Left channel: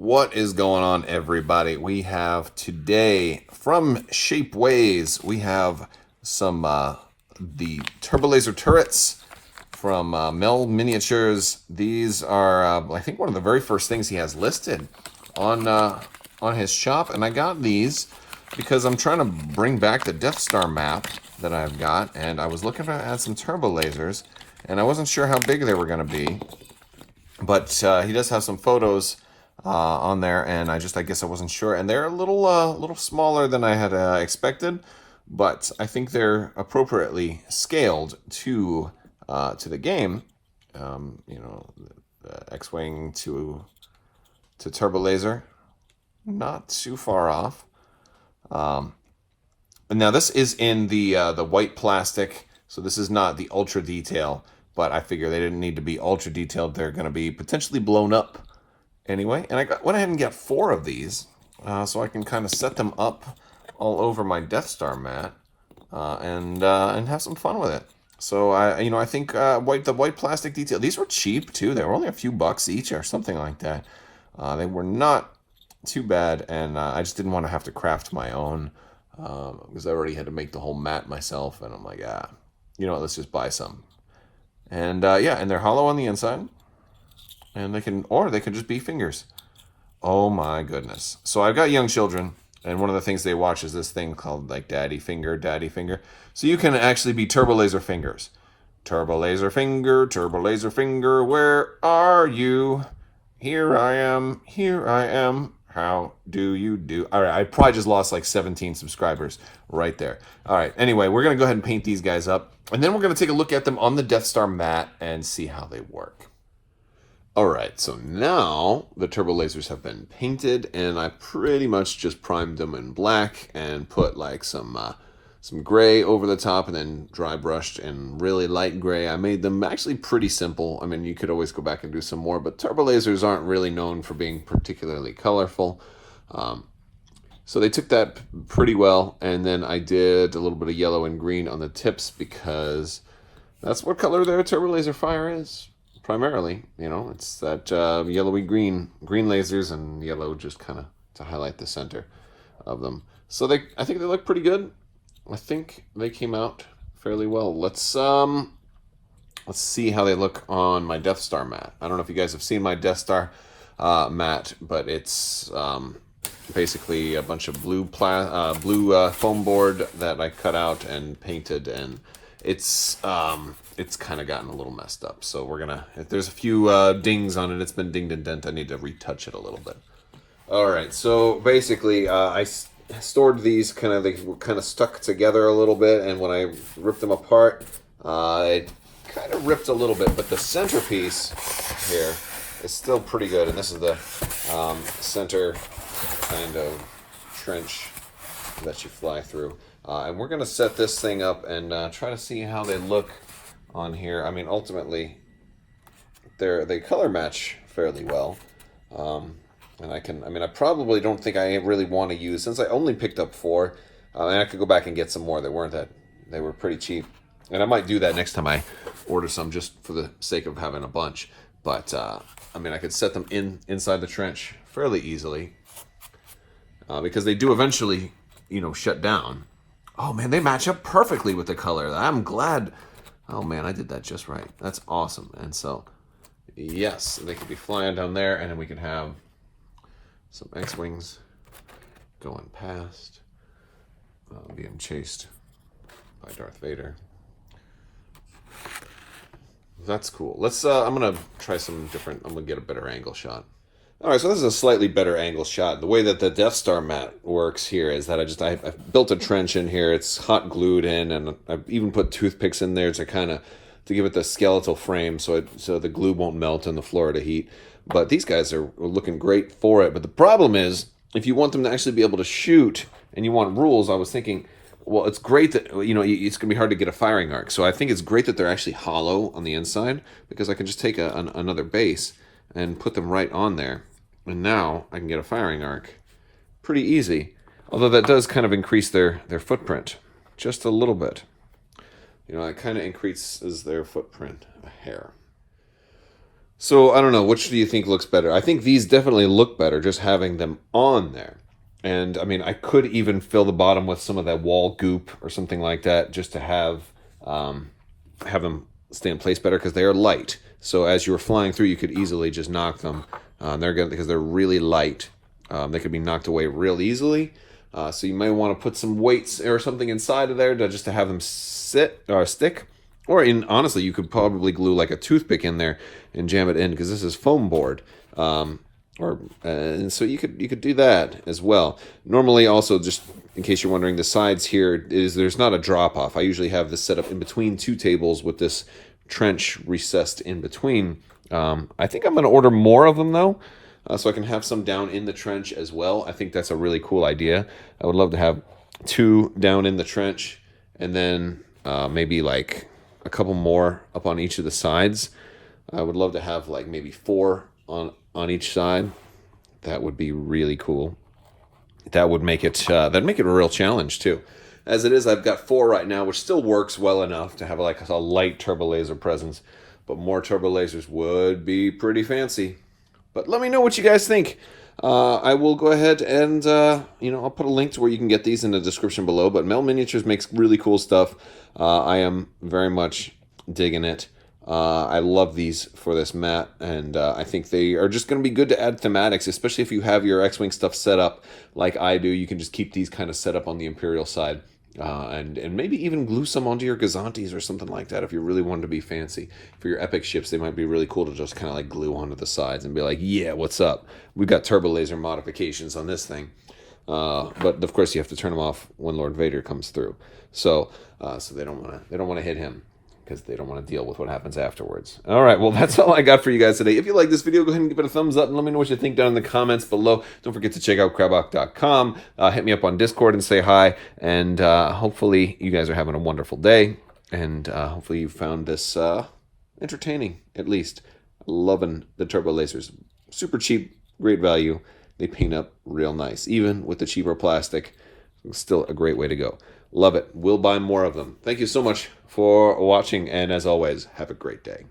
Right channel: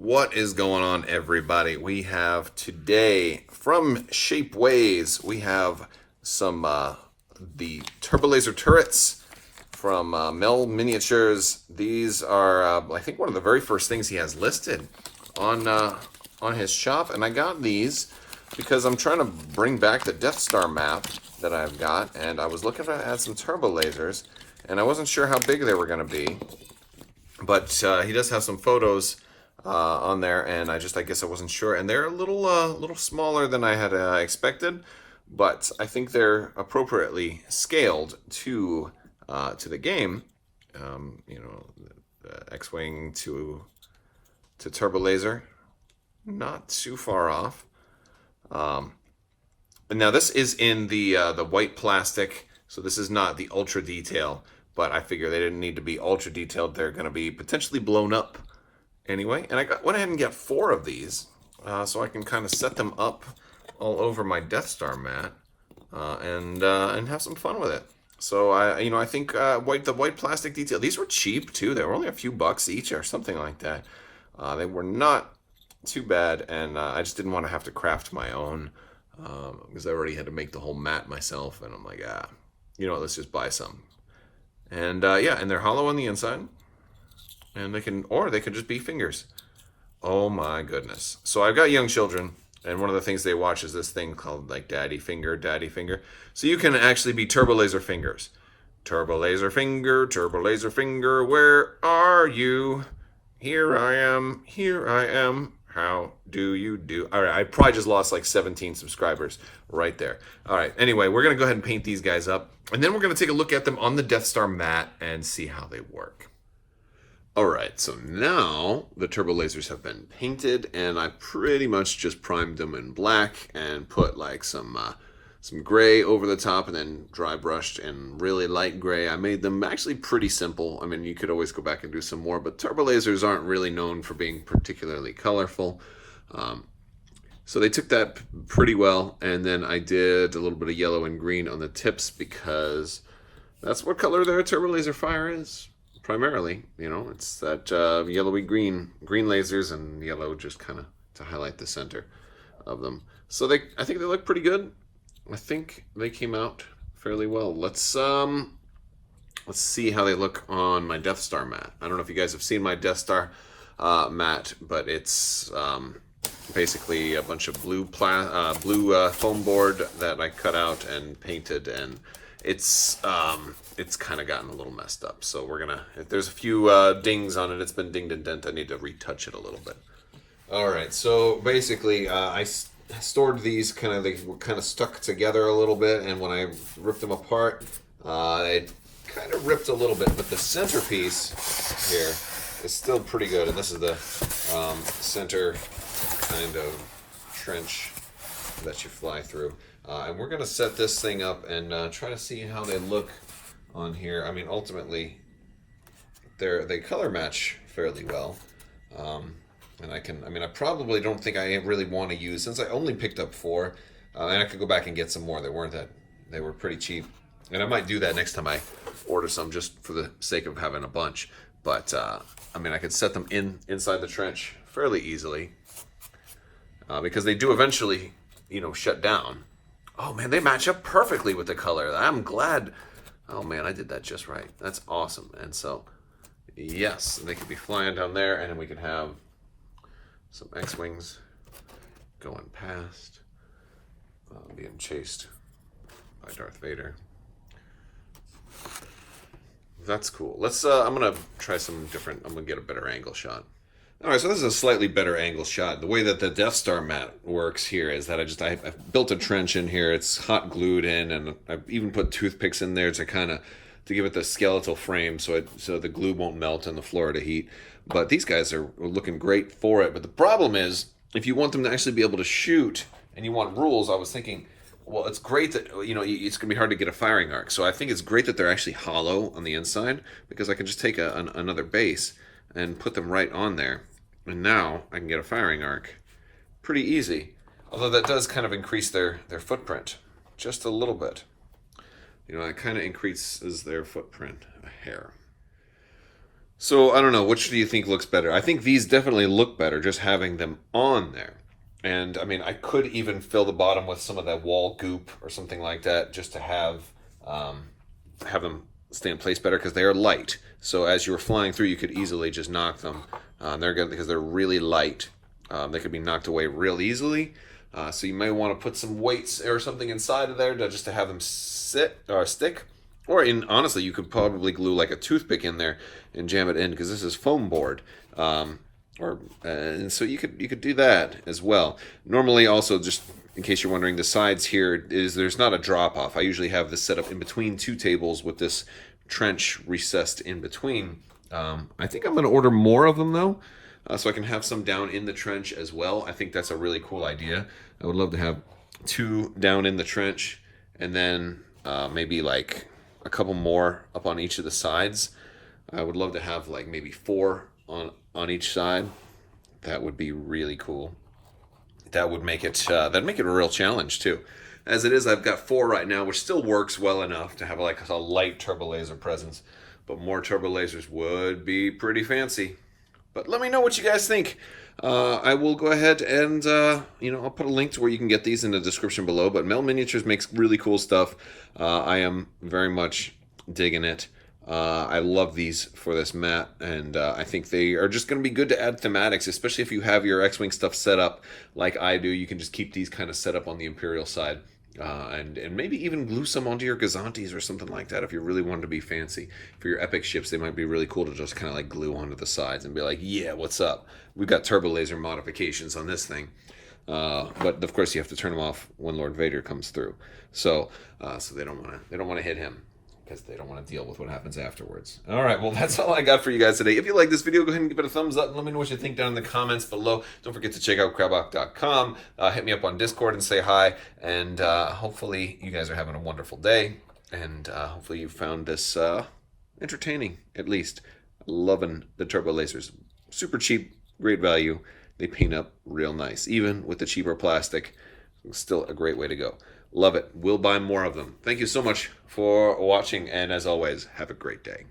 What is going on, everybody? We have today from Shapeways, we have some the Turbolaser turrets from Mel Miniatures. These are, I think, one of the very first things he has listed on his shop, and I got these because I'm trying to bring back the Death Star map that I've got, and I was looking to add some Turbolasers, and I wasn't sure how big they were going to be, but he does have some photos on there, and I guess I wasn't sure, and they're a little smaller than I had expected, but I think they're appropriately scaled to the game. The X-wing to Turbolaser, not too far off. And now this is in the white plastic, so this is not the ultra detail, but I figure they didn't need to be ultra detailed. They're going to be potentially blown up anyway. And I went ahead and got 4 of these, so I can kind of set them up all over my Death Star mat and have some fun with it. So I think the white plastic detail. These were cheap too. They were only a few bucks each or something like that. They were not too bad, and I just didn't want to have to craft my own because I already had to make the whole mat myself. And I'm like, let's just buy some. And and they're hollow on the inside. And they can just be fingers. Oh my goodness. So I've got young children, and one of the things they watch is this thing called like Daddy Finger, Daddy Finger. So you can actually be Turbolaser fingers. Turbolaser finger, where are you? Here I am. How do you do? All right, I probably just lost like 17 subscribers right there. All right, anyway, we're going to go ahead and paint these guys up, and then we're going to take a look at them on the Death Star mat and see how they work. All right, so now the Turbolasers have been painted, and I pretty much just primed them in black and put like some gray over the top, and then dry brushed in really light gray. I made them actually pretty simple. I mean, you could always go back and do some more, but Turbolasers aren't really known for being particularly colorful. So they took that pretty well, and then I did a little bit of yellow and green on the tips because that's what color their Turbolaser fire is. Primarily, it's that yellowy green lasers, and yellow just kind of to highlight the center of them. So I think they look pretty good. I think they came out fairly well. Let's see how they look on my Death Star mat. I don't know if you guys have seen my Death Star mat, but it's basically a bunch of blue foam board that I cut out and painted, and it's kind of gotten a little messed up. So if there's a few dings on it, it's been dinged and dent. I need to retouch it a little bit. All right, so basically I stored these they were kind of stuck together a little bit, and when I ripped them apart, it kind of ripped a little bit, but the centerpiece here is still pretty good, and this is the center kind of trench that you fly through. And we're going to set this thing up and try to see how they look on here. I mean, ultimately, they color match fairly well. And I probably don't think I really want to use, since I only picked up 4, and I could go back and get some more that weren't they were pretty cheap. And I might do that next time I order some, just for the sake of having a bunch. But, I could set them inside the trench fairly easily, because they do eventually, shut down. Oh man, they match up perfectly with the color. I'm glad. Oh man, I did that just right. That's awesome. And so, yes, they could be flying down there, and then we can have some X-wings going past, being chased by Darth Vader. That's cool. Let's. I'm gonna try some different. I'm gonna get a better angle shot. All right, so this is a slightly better angle shot. The way that the Death Star mat works here is that I built a trench in here. It's hot glued in, and I've even put toothpicks in there to give it the skeletal frame, so the glue won't melt in the Florida heat. But these guys are looking great for it. But the problem is, if you want them to actually be able to shoot, and you want rules, I was thinking, well, it's great that, it's going to be hard to get a firing arc. So I think it's great that they're actually hollow on the inside, because I can just take another base and put them right on there. And now I can get a firing arc pretty easy. Although that does kind of increase their footprint just a little bit. It kind of increases their footprint a hair. So I don't know, which do you think looks better? I think these definitely look better just having them on there. And I mean, I could even fill the bottom with some of that wall goop or something like that, just to have them stay in place better because they are light. So as you were flying through, you could easily just knock them. They're good because they're really light. They could be knocked away real easily. So you may want to put some weights or something inside of there just to have them sit or stick. Or honestly, you could probably glue like a toothpick in there and jam it in because this is foam board. And so you could do that as well. Normally, also, just in case you're wondering, the sides here there's not a drop off. I usually have this set up in between two tables with this trench recessed in between. I think I'm going to order more of them though, so I can have some down in the trench as well. I think that's a really cool idea. I would love to have 2 down in the trench, and then maybe like a couple more up on each of the sides. I would love to have like maybe 4 on each side. That would be really cool. That would make it that'd make it a real challenge too. As it is, I've got 4 right now, which still works well enough to have like a light Turbolaser presence. But more Turbolasers would be pretty fancy. But let me know what you guys think. I will go ahead and I'll put a link to where you can get these in the description below. But Mel Miniatures makes really cool stuff. I am very much digging it. I love these for this mat, and I think they are just going to be good to add thematics, especially if you have your X-Wing stuff set up like I do. You can just keep these kind of set up on the Imperial side, and maybe even glue some onto your Gazantes or something like that if you really wanted to be fancy. For your epic ships, they might be really cool to just kind of like glue onto the sides and be like, yeah, what's up? We've got Turbolaser modifications on this thing. But of course you have to turn them off when Lord Vader comes through. So they don't want to hit him, because they don't want to deal with what happens afterwards. All right, well, that's all I got for you guys today. If you like this video, go ahead and give it a thumbs up and let me know what you think down in the comments below. Don't forget to check out Crabbok.com. Hit me up on Discord and say hi. And hopefully you guys are having a wonderful day. And hopefully you found this entertaining, at least. Loving the Turbolasers. Super cheap, great value. They paint up real nice. Even with the cheaper plastic, it's still a great way to go. Love it. We'll buy more of them. Thank you so much for watching, and as always, have a great day.